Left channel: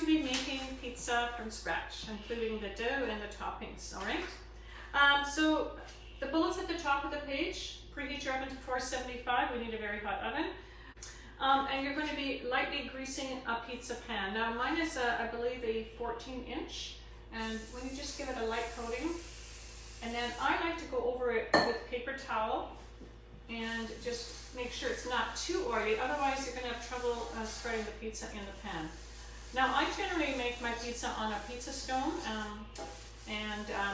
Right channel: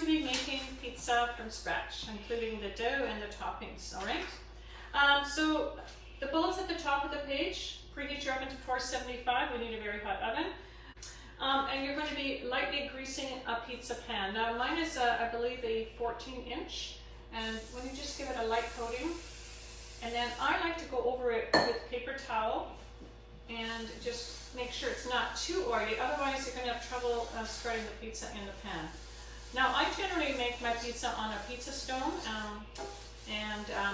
to be making pizza from scratch, including the dough and the toppings, all right? So the bullets at the top of the page, preheat your oven to 475. We need a very hot oven. And you're going to be lightly greasing a pizza pan. Now mine is, I believe, a 14-inch. And when you just give it a light coating, and then I like to go over it with paper towel and just make sure it's not too oily, otherwise you're going to have trouble spreading the pizza in the pan. Now I generally make my pizza on a pizza stone,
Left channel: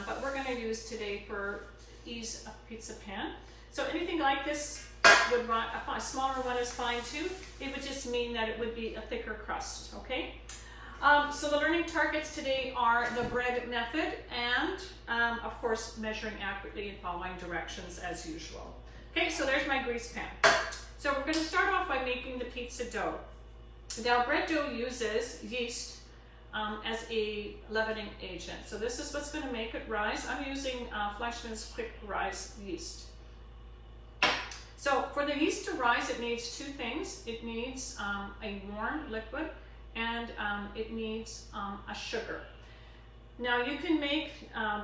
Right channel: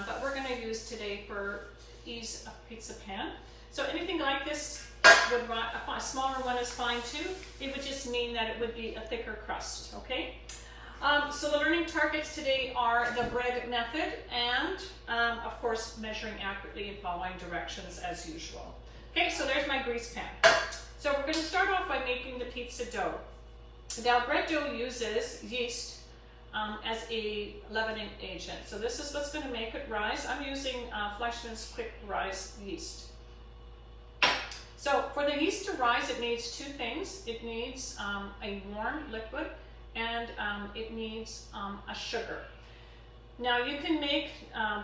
but we're going to use today for ease a pizza pan. So anything like this would run, a smaller one is fine too. It would just mean that it would be a thicker crust, okay? So the learning targets today are the bread method and, of course, measuring accurately and following directions as usual. Okay, so there's my grease pan. So we're going to start off by making the pizza dough. Now, bread dough uses yeast as a leavening agent. So this is what's going to make it rise. I'm using Fleischmann's Quick Rise yeast. So for the yeast to rise, it needs two things. It needs a warm liquid, and it needs a sugar. Now you can make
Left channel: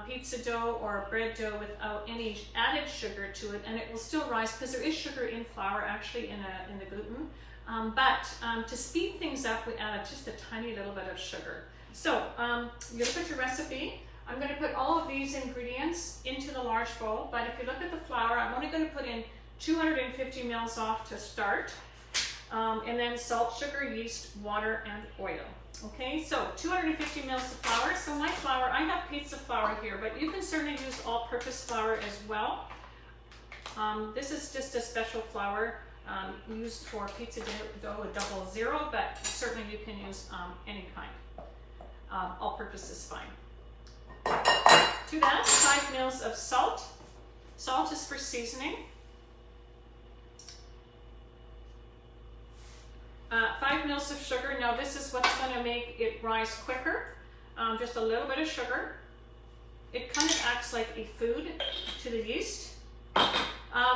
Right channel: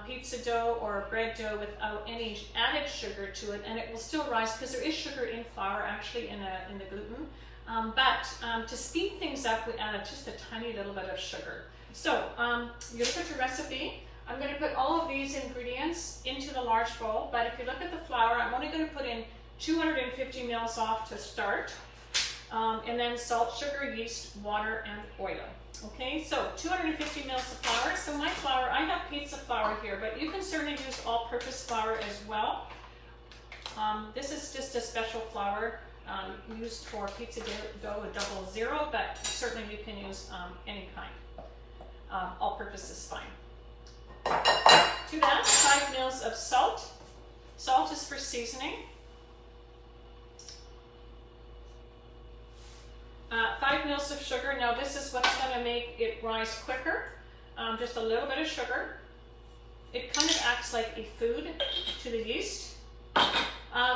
pizza dough or bread dough without any added sugar to it, and it will still rise because there is sugar in flour, actually, in the gluten. But to speed things up, we add just a tiny little bit of sugar. So you're going to put your recipe. I'm going to put all of these ingredients into the large bowl, but if you look at the flour, I'm only going to put in 250 mils off to start, and then salt, sugar, yeast, water, and oil. Okay, so 250 mils of flour. So my flour, I have pizza flour here, but you can certainly use all-purpose flour as well. This is just a special flour used for pizza dough, a 00, but certainly you can use any kind. All-purpose is fine. To that, 5 mils of salt. Salt is for seasoning. 5 mils of sugar. Now this is what's going to make it rise quicker. Just a little bit of sugar. It kind of acts like a food to the yeast.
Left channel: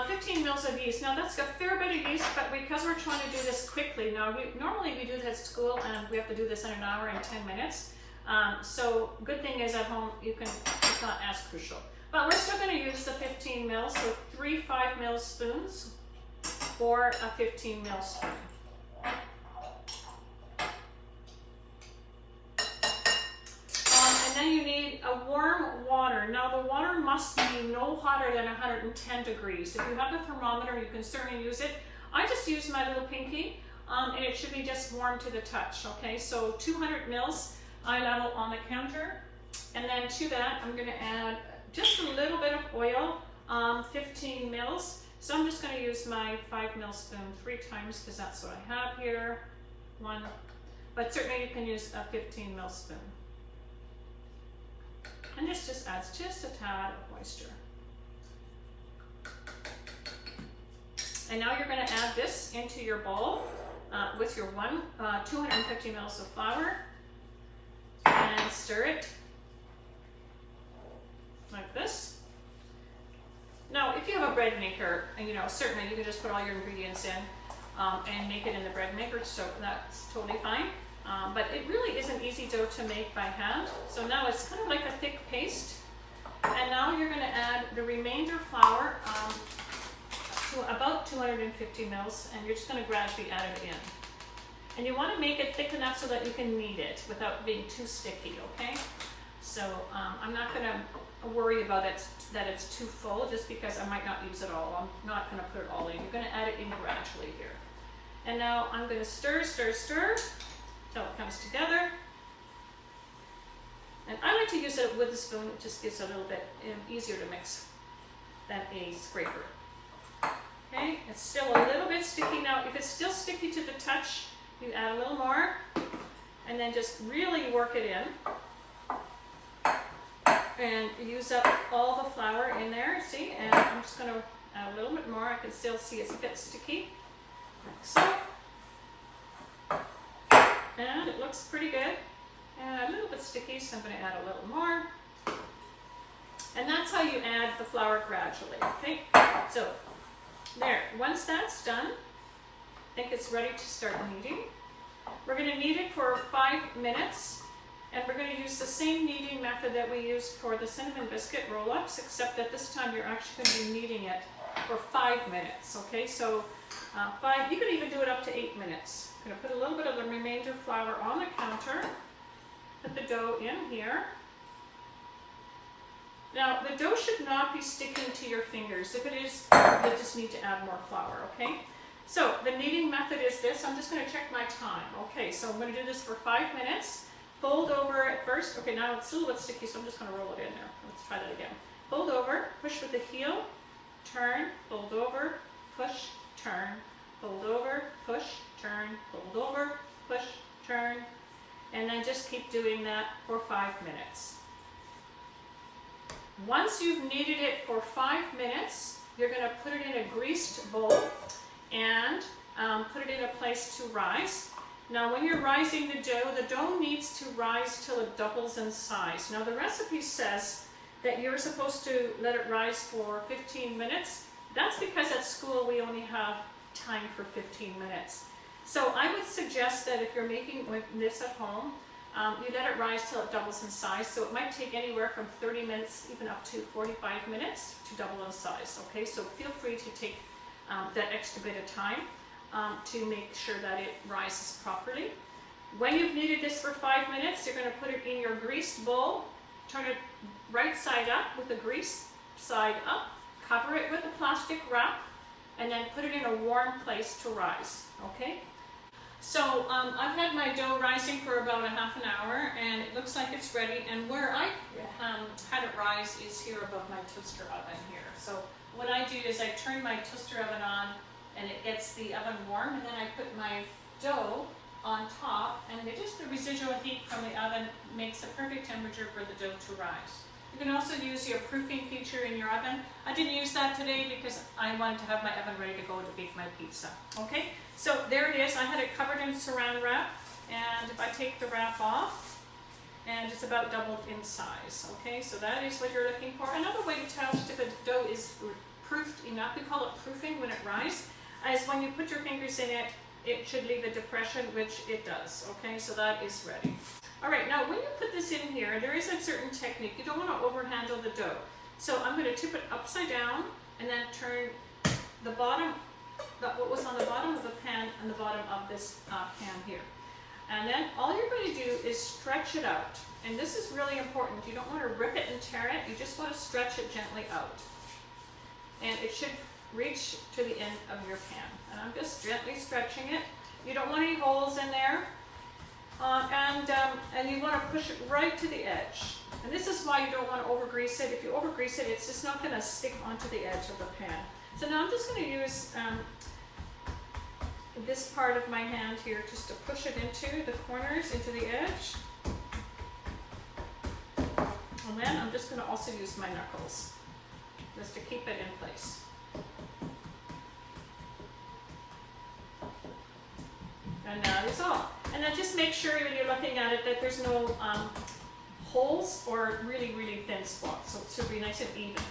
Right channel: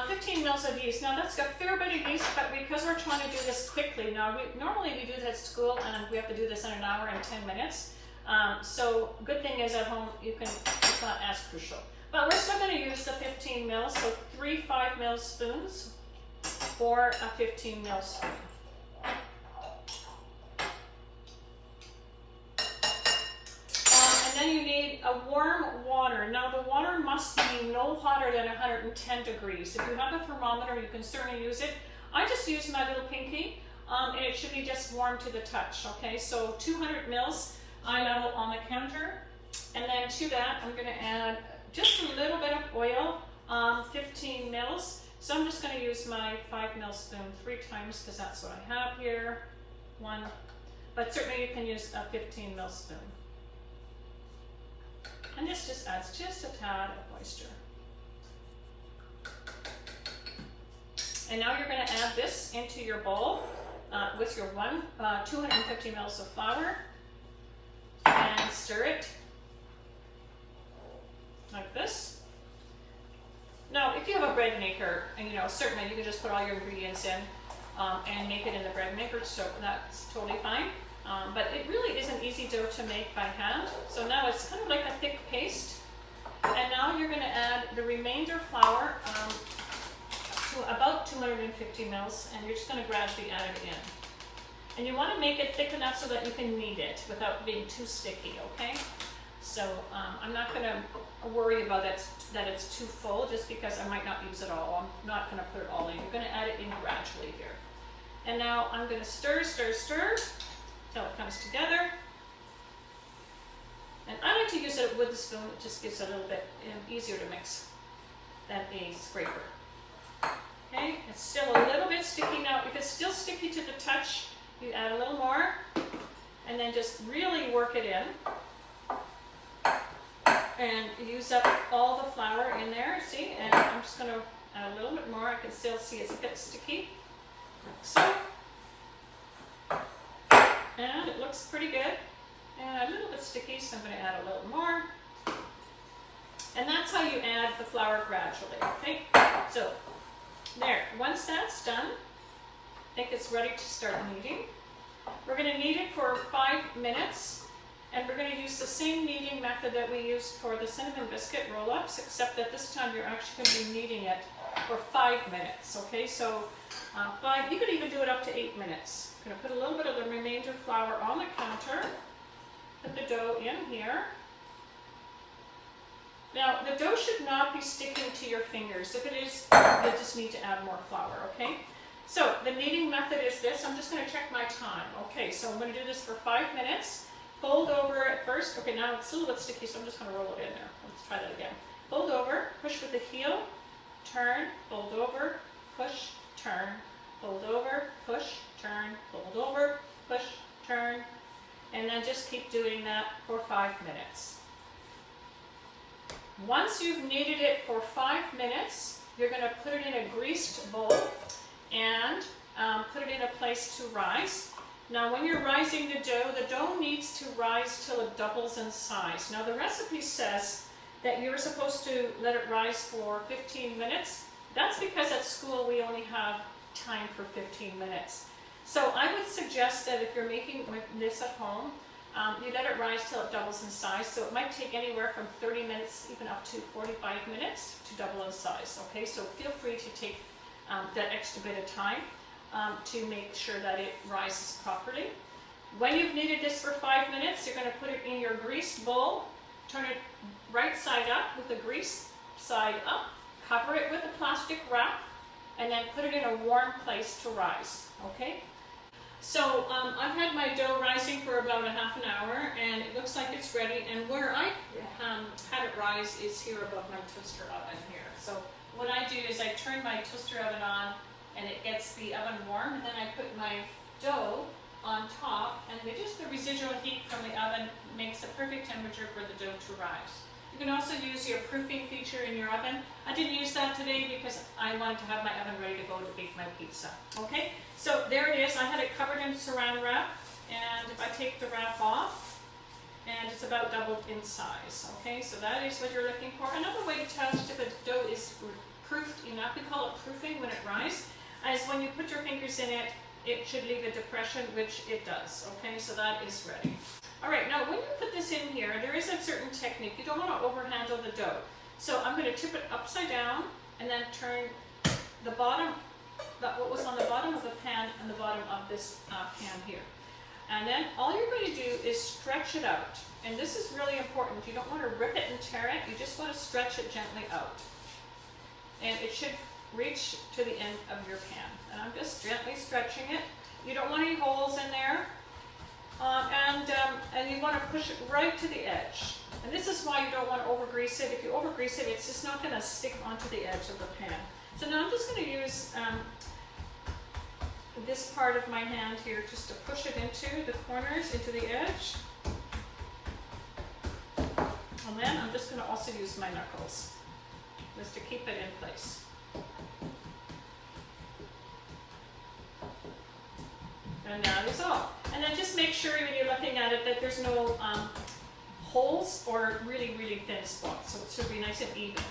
15 mils of yeast. Now that's a fair bit of yeast, but because we're trying to do this quickly, now normally we do this at school and we have to do this in an hour and 10 minutes. So good thing is at home it's not as crucial. But we're still going to use the 15 mils, so 3 5 mil spoons or a 15 mil spoon. And then you need a warm water. Now the water must be no hotter than 110 degrees. If you have a thermometer, you can certainly use it. I just use my little pinky, and it should be just warm to the touch. Okay, so 200 mils I level on the counter, and then to that I'm going to add just a little bit of oil, 15 mils. So I'm just going to use my 5 mil spoon 3 times because that's what I have here. 1, but certainly you can use a 15 mil spoon. And this just adds just a tad of moisture. And now you're going to add this into your bowl with your 250 mils of flour, and stir it like this. Now, if you have a bread maker, certainly you can just put all your ingredients in and make it in the bread maker, so that's totally fine. But it really is an easy dough to make by hand. So now it's kind of like a thick paste. And now you're going to add the remainder flour to about 250 mils, and you're just going to gradually add it in. And you want to make it thick enough so that you can knead it without being too sticky, okay? So I'm not going to worry about it that it's too full just because I might not use it all. I'm not going to put it all in. You're going to add it in gradually here. And now I'm going to stir, stir, stir till it comes together. And I like to use it with a spoon. It just gives it a little bit easier to mix than a scraper. Okay, it's still a little bit sticky. Now, if it's still sticky to the touch, you add a little more, and then just really work it in. And use up all the flour in there, see? And I'm just going to add a little bit more. I can still see it's a bit sticky. So, and it looks pretty good. And a little bit sticky, so I'm going to add a little more. And that's how you add the flour gradually, okay? So, there. Once that's done, I think it's ready to start kneading. We're going to knead it for for 5 minutes, and we're going to use the same kneading method that we used for the cinnamon biscuit roll-ups, except that this time you're actually going to be kneading it for 5 minutes, okay? So 5, you can even do it up to 8 minutes. I'm going to put a little bit of the remainder flour on the counter, put the dough in here. Now, the dough should not be sticking to your fingers. If it is, you just need to add more flour, okay? So, the kneading method is this. I'm just going to check my time. Okay, so I'm going to do this for 5 minutes. Fold over at first. Okay, now it's a little bit sticky, so I'm just going to roll it in there. Let's try that again. Fold over, push with the heel, turn, fold over, push, turn, fold over, push, turn, fold over, push, turn, and then just keep doing that for 5 minutes. Once you've kneaded it for 5 minutes, you're going to put it in a greased bowl and put it in a place to rise. Now when you're rising the dough needs to rise till it doubles in size. Now the recipe says that you're supposed to let it rise for 15 minutes. That's because at school we only have time for 15 minutes. So I would suggest that if you're making this at home, you let it rise till it doubles in size. So it might take anywhere from 30 minutes even up to 45 minutes to double in size. Okay, so feel free to take that extra bit of time to make sure that it rises properly. When you've kneaded this for 5 minutes, you're going to put it in your greased bowl, turn it right side up with the grease side up, cover it with a plastic wrap, and then put it in a warm place to rise. Okay? So I've had my dough rising for about a half an hour, and it looks like it's ready. And where I had it rise is here above my toaster oven here. So what I do is I turn my toaster oven on, and it gets the oven warm, and then I put my dough on top, and just the residual heat from the oven makes the perfect temperature for the dough to rise. You can also use your proofing feature in your oven. I didn't use that today because I wanted to have my oven ready to go to bake my pizza. Okay, so there it is. I had it covered in saran wrap, and if I take the wrap off, and it's about doubled in size. Okay, so that is what you're looking for. Another way to test if a dough is proofed enough, we call it proofing when it rises, is when you put your fingers in it, it should leave a depression, which it does. Okay, so that is ready. All right, now when you put this in here, there is a certain technique. You don't want to overhandle the dough. So I'm going to tip it upside down and then turn the bottom, what was on the bottom of the pan and the bottom of this pan here. And then all you're going to do is stretch it out. And this is really important. You don't want to rip it and tear it. You just want to stretch it gently out. And it should reach to the end of your pan. And I'm just gently stretching it. You don't want any holes in there. And you want to push it right to the edge. And this is why you don't want to over-grease it. If you over-grease it, it's just not going to stick onto the edge of the pan. So now I'm just going to use this part of my hand here just to push it into the corners, into the edge. And then I'm just going to also use my knuckles just to keep it in place. And that is all. And then just make sure when you're looking at it that there's no holes or really, really thin spots. So it should be nice and even.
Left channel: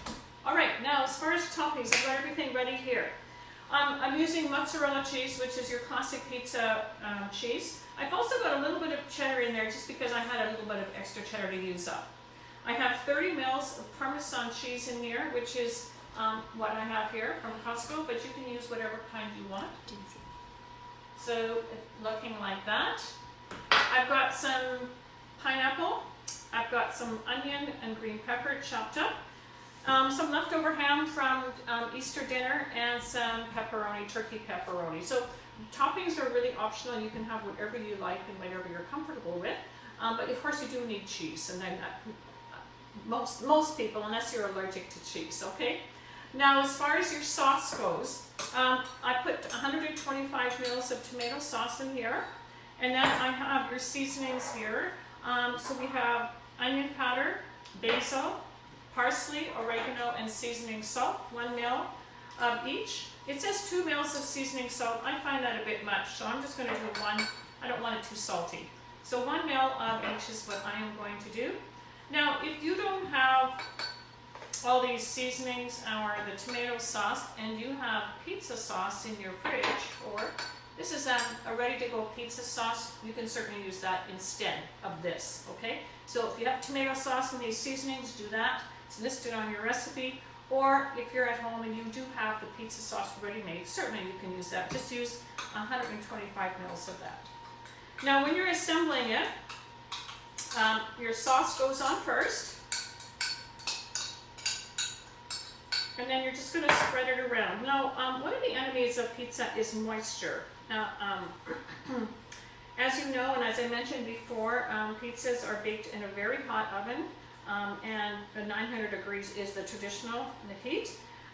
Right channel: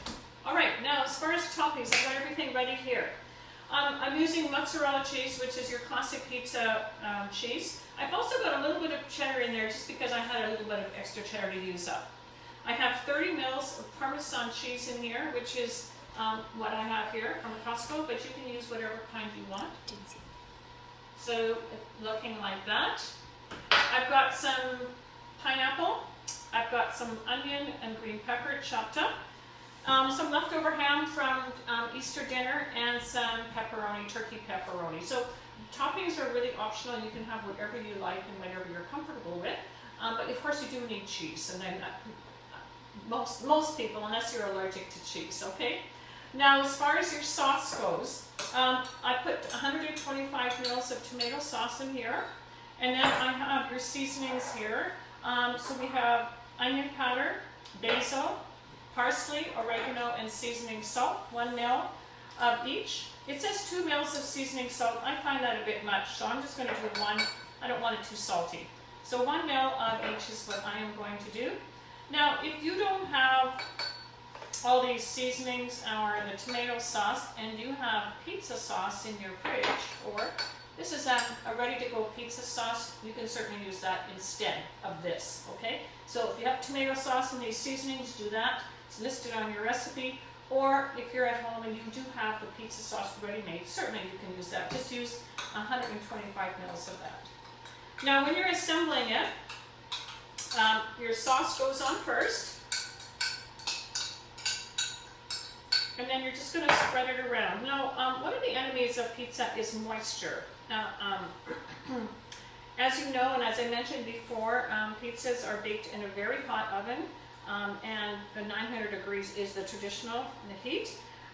All right, now as far as toppings, I've got everything ready here. I'm using mozzarella cheese, which is your classic pizza cheese. I've also got a little bit of cheddar in there just because I had a little bit of extra cheddar to use up. I have 30 mils of Parmesan cheese in here, which is what I have here from Costco, but you can use whatever kind you want. So looking like that. I've got some pineapple, I've got some onion and green pepper chopped up, some leftover ham from Easter dinner, and some pepperoni, turkey pepperoni. So toppings are really optional. You can have whatever you like and whatever you're comfortable with. But of course you do need cheese, and then most people, unless you're allergic to cheese, okay? Now, as far as your sauce goes, I put 125 mils of tomato sauce in here, and then I have your seasonings here. So we have onion powder, basil, parsley, oregano, and seasoning salt, 1 mil of each. It says 2 mils of seasoning salt. I find that a bit much, so I'm just going to do 1. I don't want it too salty. So 1 mil of each is what I am going to do. Now, if you don't have all these seasonings or the tomato sauce and you have pizza sauce in your fridge, or This is a ready-to-go pizza sauce. You can certainly use that instead of this, okay? So if you have tomato sauce and these seasonings, do that. It's listed on your recipe. Or if you're at home and you do have the pizza sauce ready-made, certainly you can use that. Just use 125 mils of that. Now when you're assembling it, your sauce goes on first. And then you're just going to spread it around. Now, one of the enemies of pizza is moisture. Now, as you know, and as I mentioned before, pizzas are baked in a very hot oven, and 900 degrees is the traditional heat.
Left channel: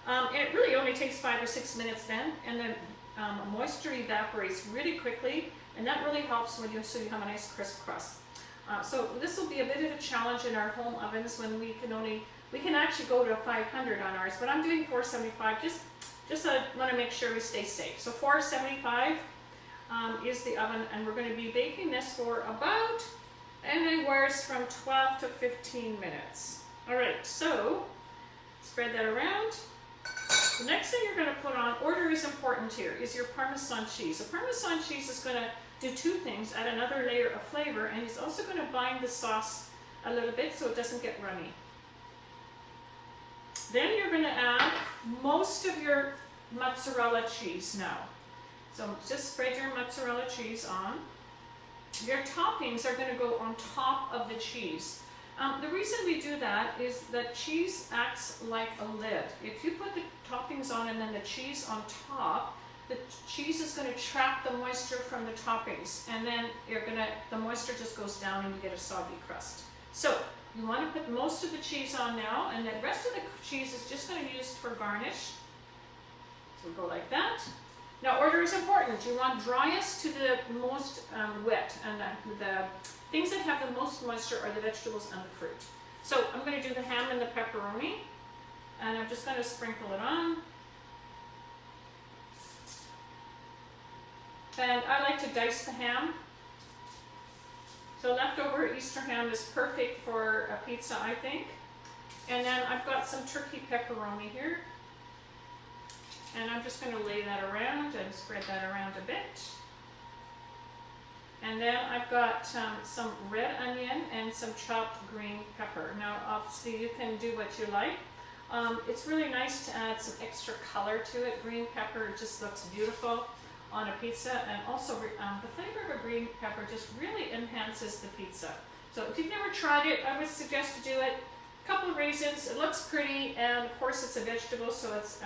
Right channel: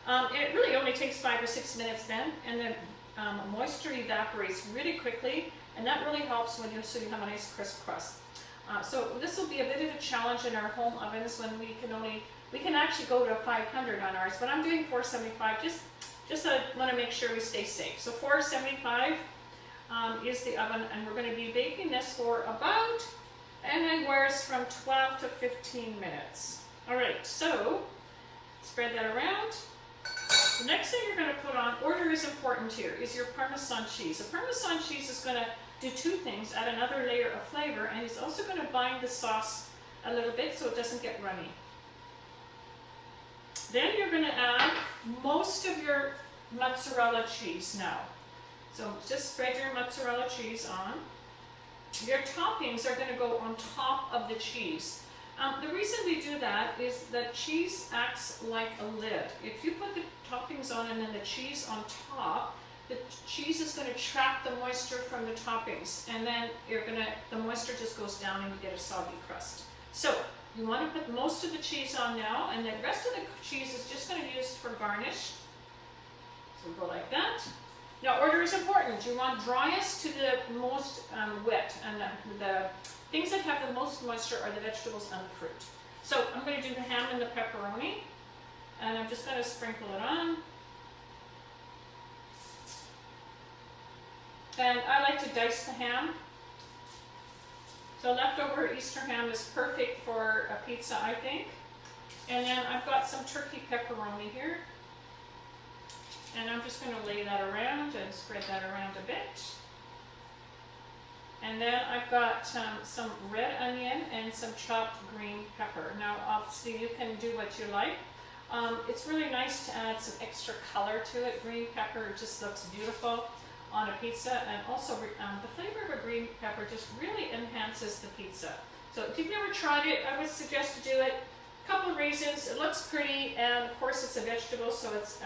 It really only takes 5 or 6 minutes then, and then moisture evaporates really quickly, and that really helps when so you have a nice crisp crust. So this will be a bit of a challenge in our home ovens when we can actually go to 500 on ours, but I'm doing 475 just I want to make sure we stay safe. So 475 is the oven, and we're going to be baking this for about anywhere from 12 to 15 minutes. All right, so spread that around. The next thing you're going to put on, order is important here, is your Parmesan cheese. The Parmesan cheese is going to do two things: add another layer of flavor, and it's also going to bind the sauce a little bit so it doesn't get runny. Then you're going to add most of your mozzarella cheese now. So just spread your mozzarella cheese on. Your toppings are going to go on top of the cheese. The reason we do that is that cheese acts like a lid. If you put the toppings on and then the cheese on top, the cheese is going to trap the moisture from the toppings, and then the moisture just goes down and you get a soggy crust. So you want to put most of the cheese on now, and the rest of the cheese is just going to use for garnish. So go like that. Now order is important. You want driest to the most wet, and the things that have the most moisture are the vegetables and the fruit. So I'm going to do the ham and the pepperoni, and I'm just going to sprinkle it on. And I like to dice the ham. So leftover Easter ham is perfect for a pizza, I think. And then I've got some turkey pepperoni here. And I'm just going to lay that around and spread that around a bit. And then I've got some red onion and some chopped green pepper. Now obviously you can do what you like. It's really nice to add some extra color to it. Green pepper just looks beautiful on a pizza, and also the flavor of a green pepper just really enhances the pizza. So if you've never tried it, I would suggest to do it. A couple of raisins, it looks pretty, and of course it's a vegetable, so it's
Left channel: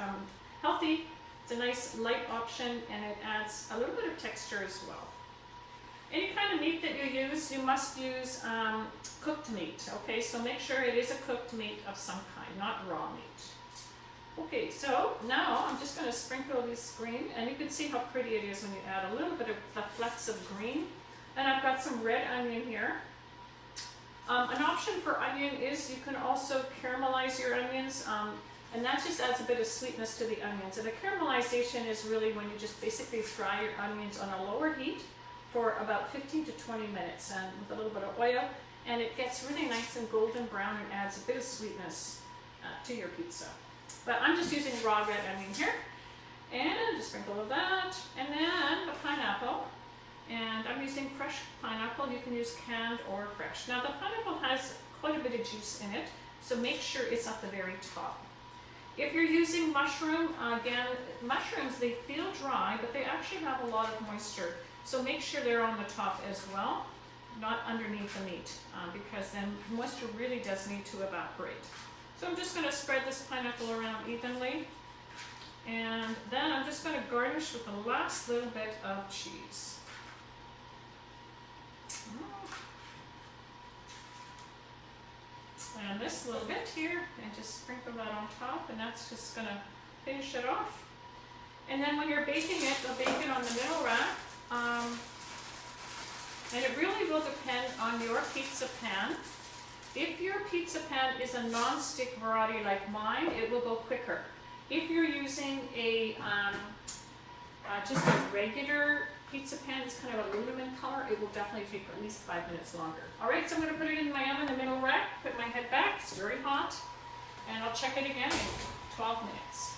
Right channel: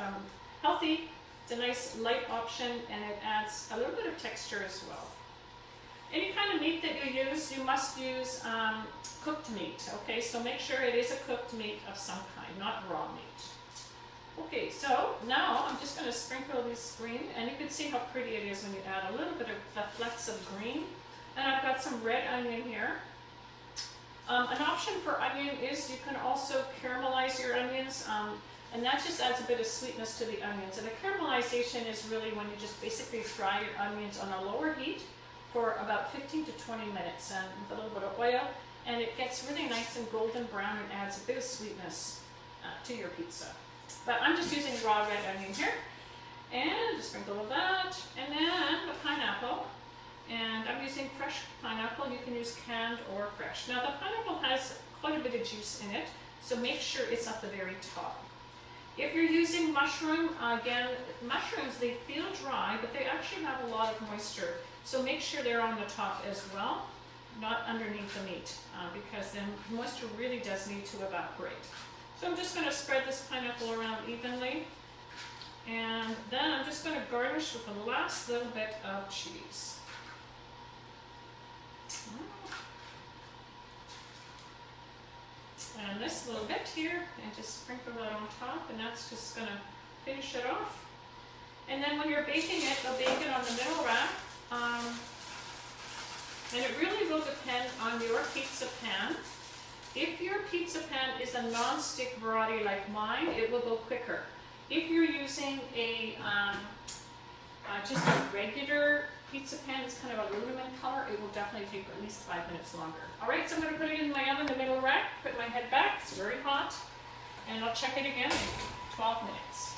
healthy. It's a nice light option, and it adds a little bit of texture as well. Any kind of meat that you use, you must use cooked meat, okay? So make sure it is a cooked meat of some kind, not raw meat. Okay, so now I'm just going to sprinkle this green, and you can see how pretty it is when you add a little bit of flecks of green. And I've got some red onion here. An option for onion is you can also caramelize your onions, and that just adds a bit of sweetness to the onions. And the caramelization is really when you just basically fry your onions on a lower heat for about 15 to 20 minutes, and with a little bit of oil, and it gets really nice and golden brown and adds a bit of sweetness to your pizza. But I'm just using raw red onion here, and a sprinkle of that, and then the pineapple, and I'm using fresh pineapple. You can use canned or fresh. Now the pineapple has quite a bit of juice in it, so make sure it's at the very top. If you're using mushroom, again, mushrooms, they feel dry, but they actually have a lot of moisture, so make sure they're on the top as well, not underneath the meat, because then moisture really does need to evaporate. So I'm just going to spread this pineapple around evenly, and then I'm just going to garnish with the last little bit of cheese. And this little bit here, and just sprinkle that on top, and that's just going to finish it off. And then when you're baking it, you'll bake it on the middle rack, and it really will depend on your pizza pan. If your pizza pan is a non-stick variety like mine, it will go quicker. If you're using a just a regular pizza pan, it's kind of aluminum color, it will definitely take at least 5 minutes longer. All right, so I'm going to put it in my oven, the middle rack, put my head back, it's very hot, and I'll check it again in 12 minutes.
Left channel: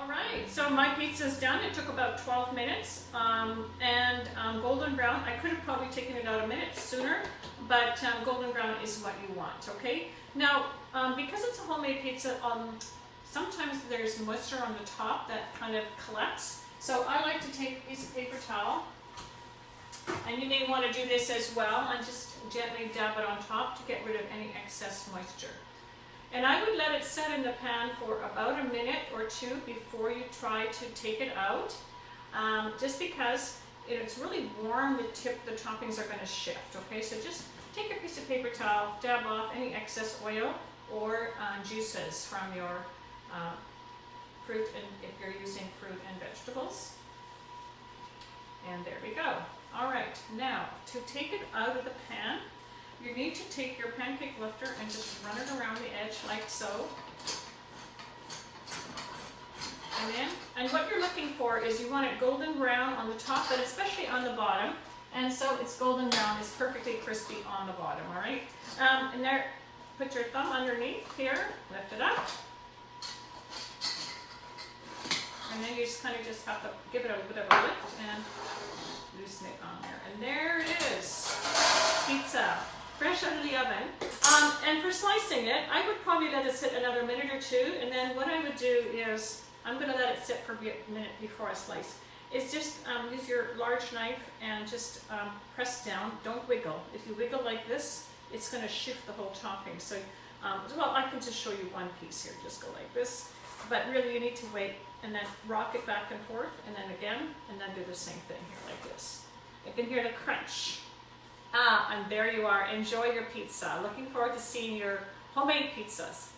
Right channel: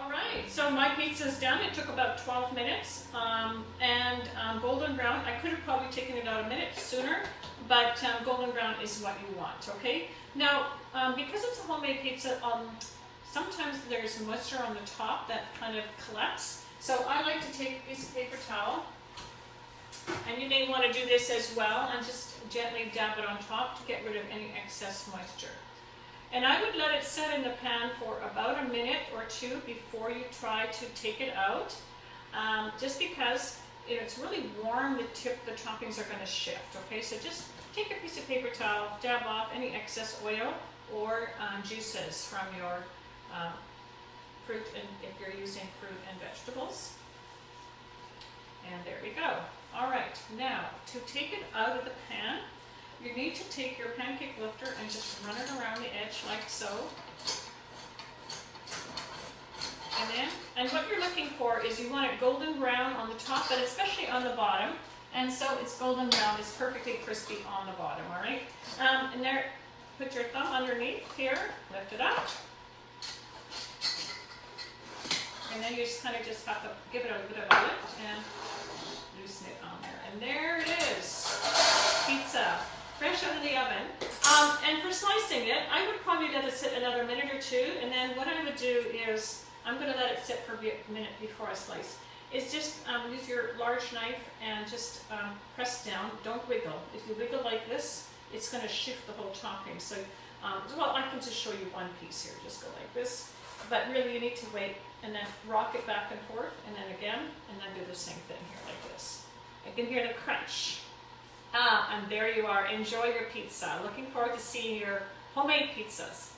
All right, so my pizza's done. It took about 12 minutes, golden brown. I could have probably taken it out a minute sooner, but golden brown is what you want, okay? Now, because it's a homemade pizza, sometimes there's moisture on the top that kind of collects. So I like to take a piece of paper towel, and you may want to do this as well, and just gently dab it on top to get rid of any excess moisture. And I would let it set in the pan for about a minute or two before you try to take it out, just because if it's really warm, the toppings are going to shift, okay? So just take a piece of paper towel, dab off any excess oil or juices from your fruit, and if you're using fruit and vegetables. And there we go. All right, now to take it out of the pan, you need to take your pancake lifter and just run it around the edge like so. And what you're looking for is you want it golden brown on the top, but especially on the bottom. And so it's golden brown, it's perfectly crispy on the bottom, all right? And there, put your thumb underneath here, lift it up. And then you just kind of just have to give it a bit of a lift and loosen it on there. And there it is, pizza, fresh out of the oven. And for slicing it, I would probably let it sit another minute or two, and then what I would do is, I'm going to let it sit for a minute before I slice, is just use your large knife and just press down, don't wiggle. If you wiggle like this, it's going to shift the whole topping. So, well, I can just show you one piece here, just go like this. But really you need to wait and then rock it back and forth, and then again, and then do the same thing here like this. You can hear the crunch. And there you are. Enjoy your pizza. Looking forward to seeing your homemade pizzas.